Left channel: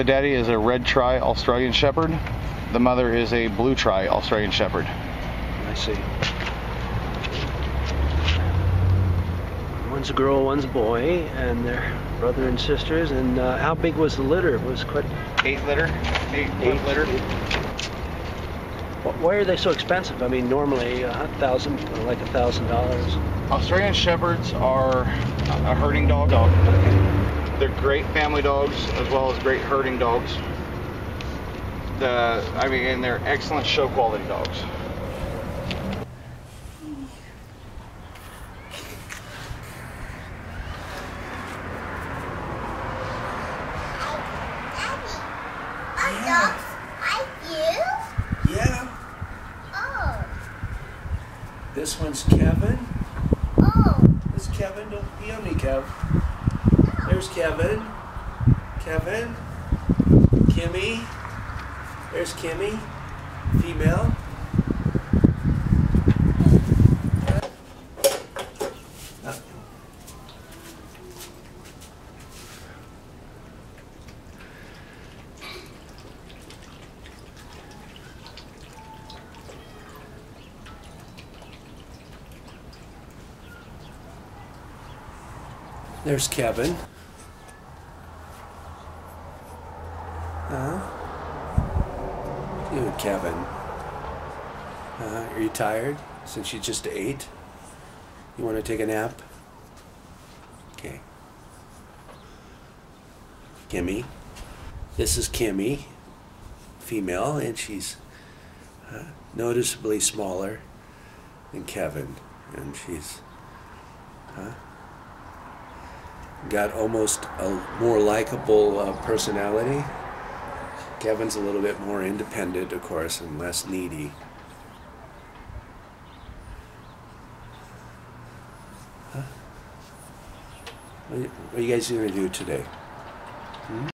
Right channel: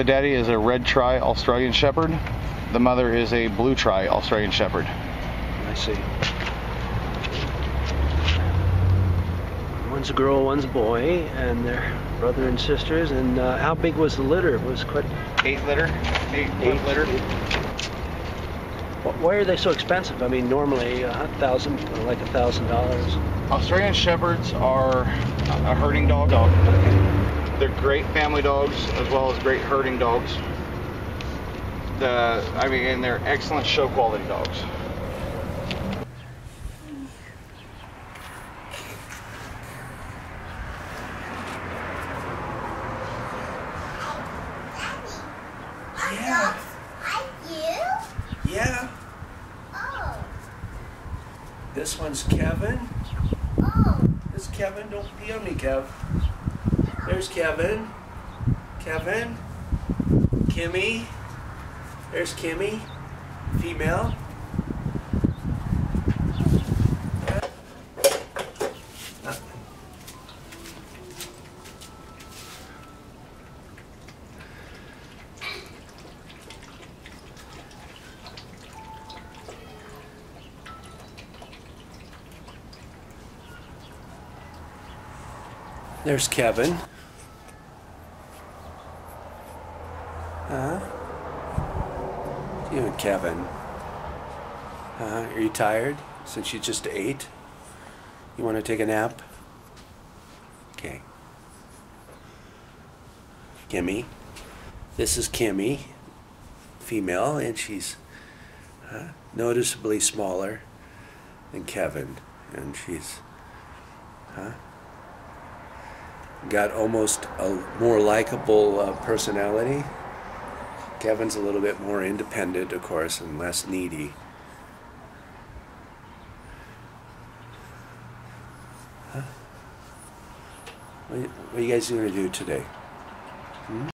The daddy is a red tri Australian Shepherd. The mother is a blue tri Australian Shepherd. I see. One's a girl, one's a boy, and they're brother and sisters. And how big was the litter? It was quite... 8 litter. 8 litter. Why are they so expensive? I mean, normally $1,000. Australian Shepherds are a herding dog. They're great family dogs as well as great herding dogs. And they're excellent show quality dogs. Yeah. Yeah. Oh. This one's Kevin. Oh. This is Kevin. Don't pee on me, Kev. There's Kevin. Kevin. Kimmy. There's Kimmy. Female. There's Kevin. You and Kevin. Are you tired since you just ate? You want to take a nap? Okay. Kimmy. This is Kimmy, female, and she's noticeably smaller than Kevin, and she's got almost a more likable personality. Kevin's a little bit more independent, of course, and less needy. What are you guys going to do today?